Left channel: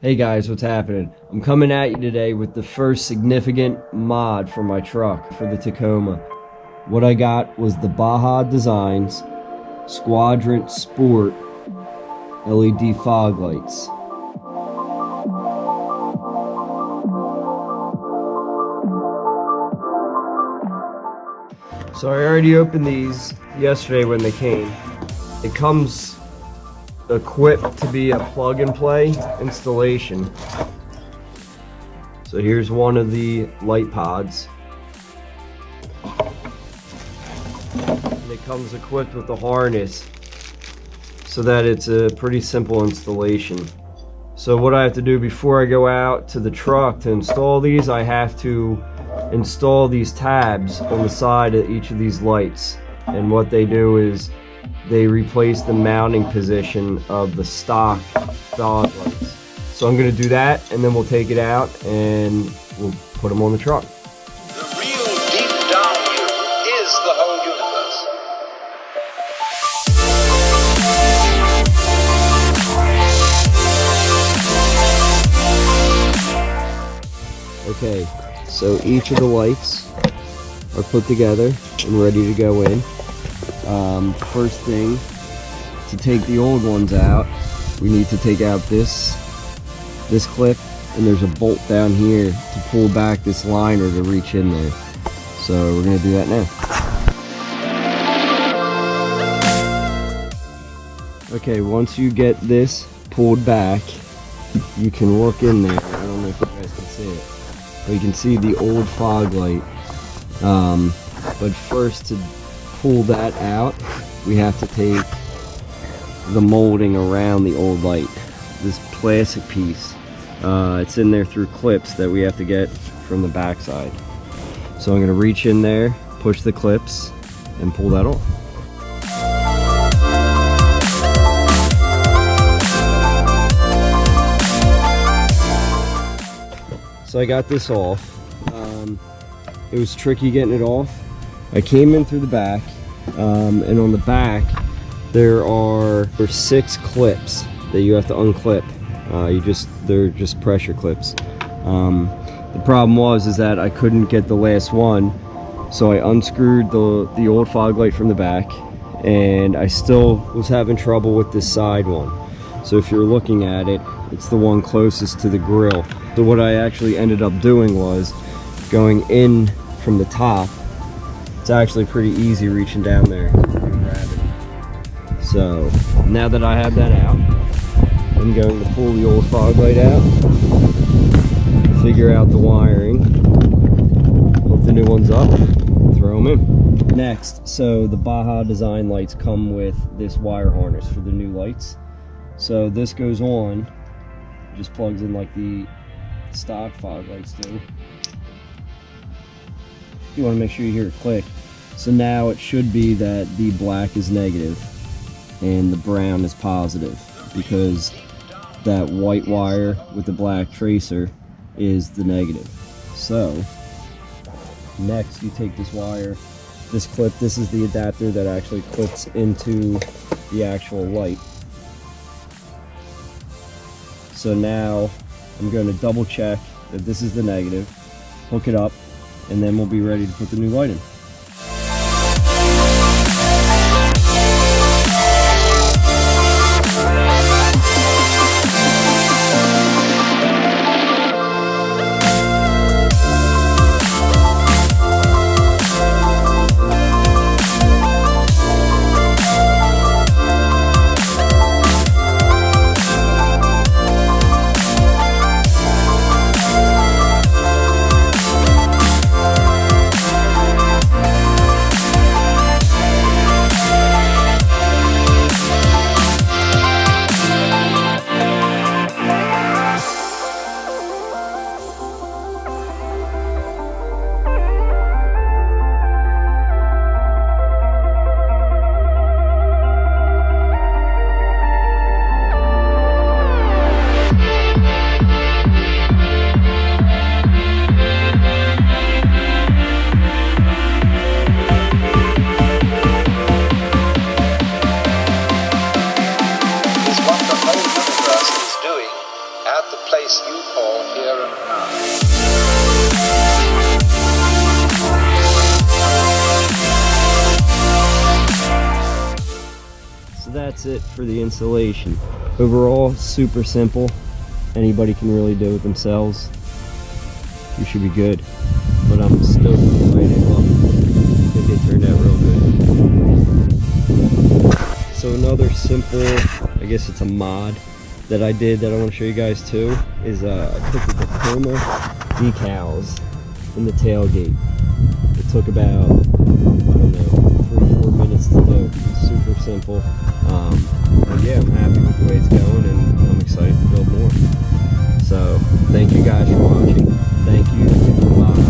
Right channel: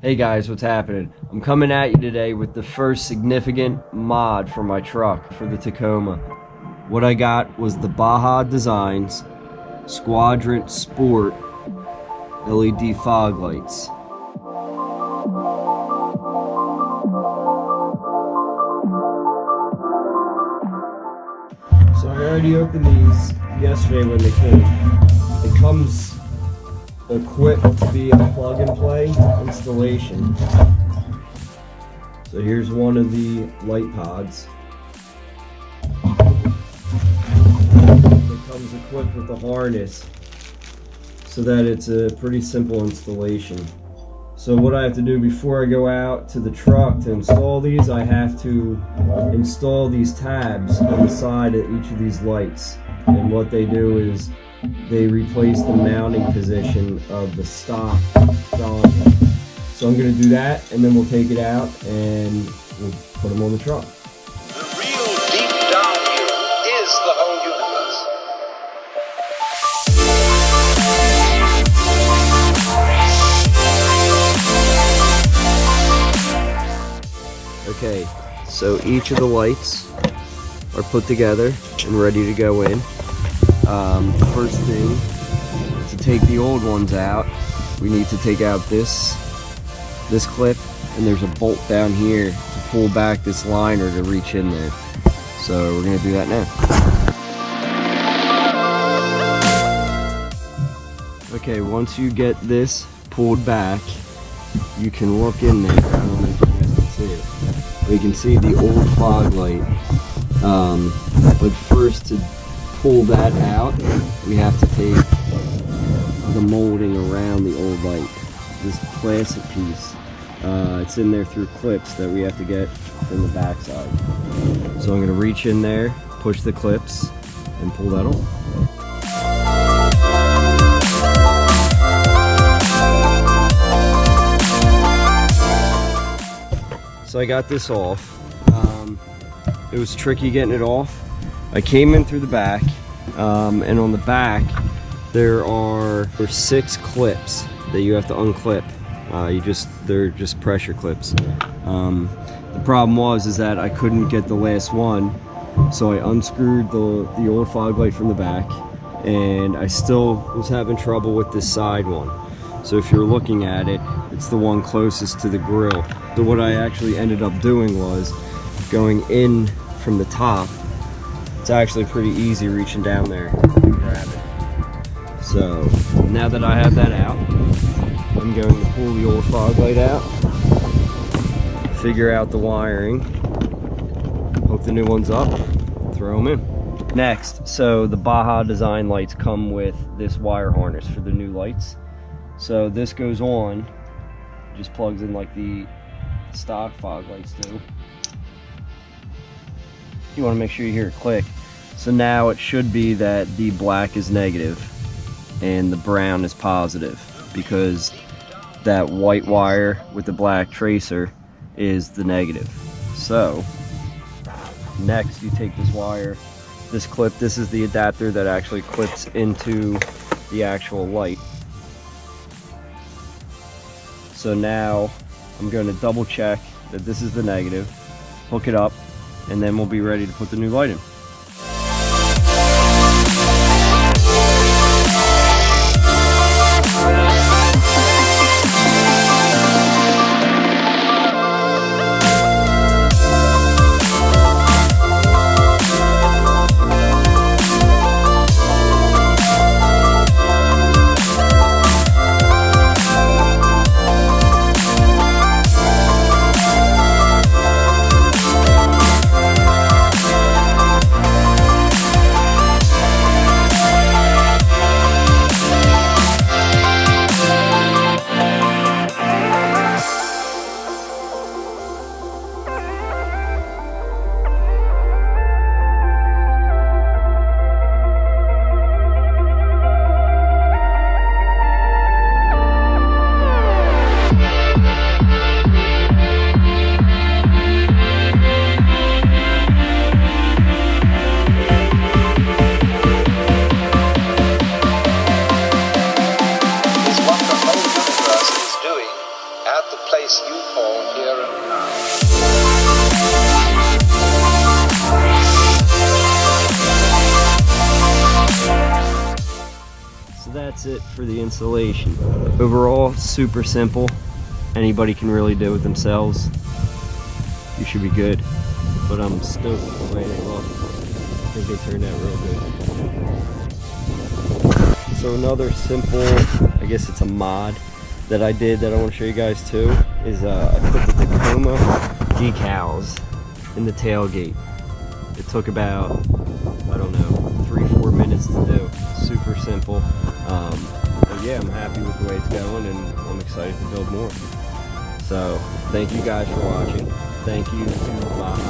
Hey guys, what's happening? I'm coming at you today with the first significant mod for my truck, for the Tacoma. What I got was the Baja Designs Squadron Sport LED fog lights. So I already opened these yesterday when they came. It comes equipped to be a plug and play installation. So here's one of the light pods. And it comes equipped with the harness so that it's a pretty simple installation. So what I have to do before I go out to the truck to install these, I have to install these tabs on the side of each of these lights. And what they do is they replace the mounting position of the stock fog lights. So I'm going to do that, and then we'll take it out and we'll put them on the truck. The real deep down you is the whole universe. Okay, so each of the lights are put together and ready to go in. First thing, to take the old ones out, we need to take out this clip, and there's a bolt down here to pull back this liner to reach in there. So we're going to do that now. Okay, once you get this pulled back, you can look in there. I don't know if you guys can see it, but you can see the old fog light. But first, to pull that out, we have to take the molding around the old light, this plastic piece. It's in there through clips that we have to get from the back side. So I'm going to reach in there, push the clips, and pull that off. So I got this off. It was tricky getting it off. I came in through the back, and on the back there are 6 clips that you have to unclip. They're just pressure clips. The problem is that I couldn't get the last one, so I unscrewed the old fog light from the back, and I still was having trouble with this side one. So if you're looking at it, it's the one closest to the grill. So what I actually ended up doing was going in from the top. It's actually pretty easy reaching down there and grab it. So now that I have that out, I'm going to pull the old fog light out, figure out the wiring, hook the new ones up, throw them in. Next, so the Baja design lights come with this wire harness for the new lights. So this goes on, just plugs in like the stock fog lights do. You want to make sure you hear it click. So now it should be that the black is negative and the brown is positive, because that white wire with the black tracer is the negative. So next you take this wire, this clip, this is the adapter that actually clips into the actual light. So now I'm going to double check that this is the negative, hook it up, and then we'll be ready to put the new light in. that's it for the installation. Overall, super simple. Anybody can really do it themselves. You should be good. But I'm stoked with the way they look. I think they turned out real good. So another simple, I guess it's a mod that I did that I want to show you guys too, is I put the Tacoma decals in the tailgate. It took about, I don't know, 3-4 minutes to do. Super simple. But yeah, I'm happy with the way it's going, and I'm excited to build more. So thank you guys for watching. Thank you to Baja